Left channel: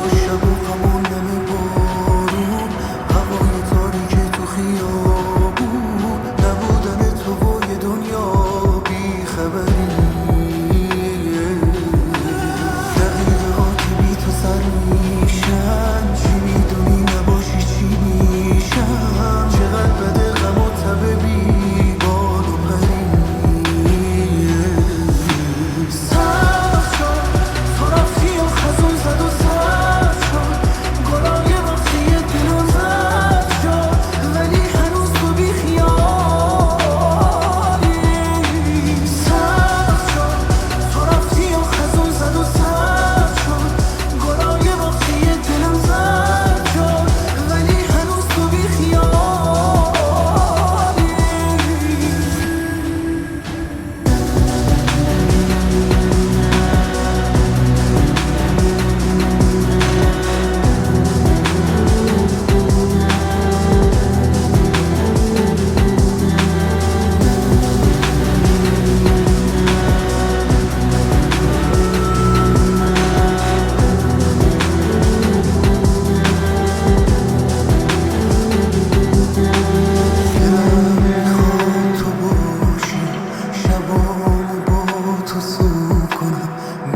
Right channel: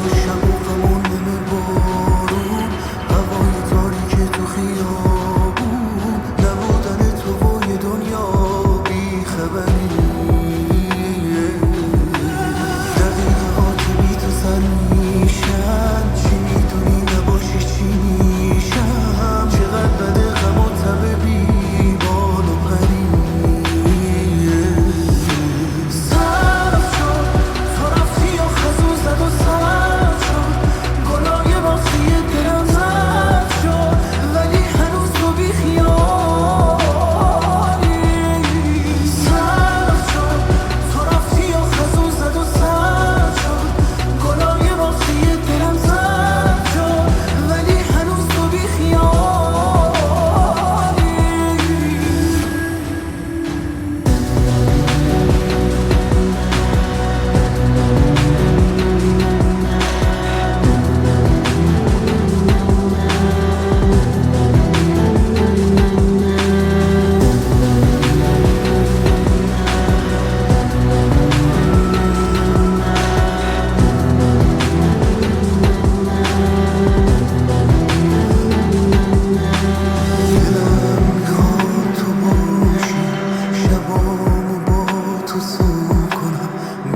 و شب و غمون نمه بارون، هوای تاریک تو خیابون، نبودن تو و یه دنیا بی خبری. دقیقه ها که بی تو سر میشن، چی میدونی نباشی چی میشم. چقدر بده غم و تب بی بال و پری. سبز شد تو رفتی و خزون زد و سبز شد، گلای باغچه دلم زد شد، ولی هنوز تو بی خیالی. سبز شد تو رفتی و خزون زد و سبز شد، گلای باغچه دلم زد شد، ولی هنوز تو بی خیالی.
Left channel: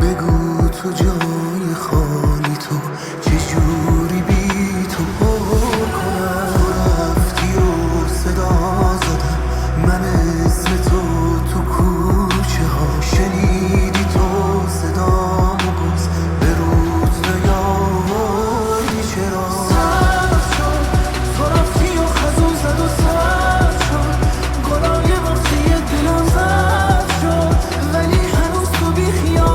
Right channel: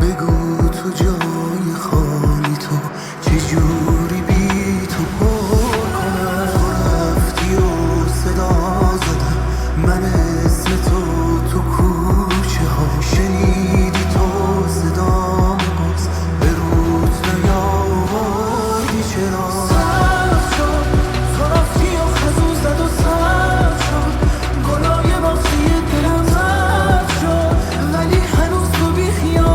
بگو تو جای خالی تو چجوری بی تو پر کنم. تو رفتی و صدا زدم من اسم تو کوچه ها، شنیدی تو صدامو باز به روت نیاوردی چرا. سبز شد تو رفتی و خزون زد و سبز شد، گلای باغچه دلم زد شد، ولی هنوز تو بی خیال.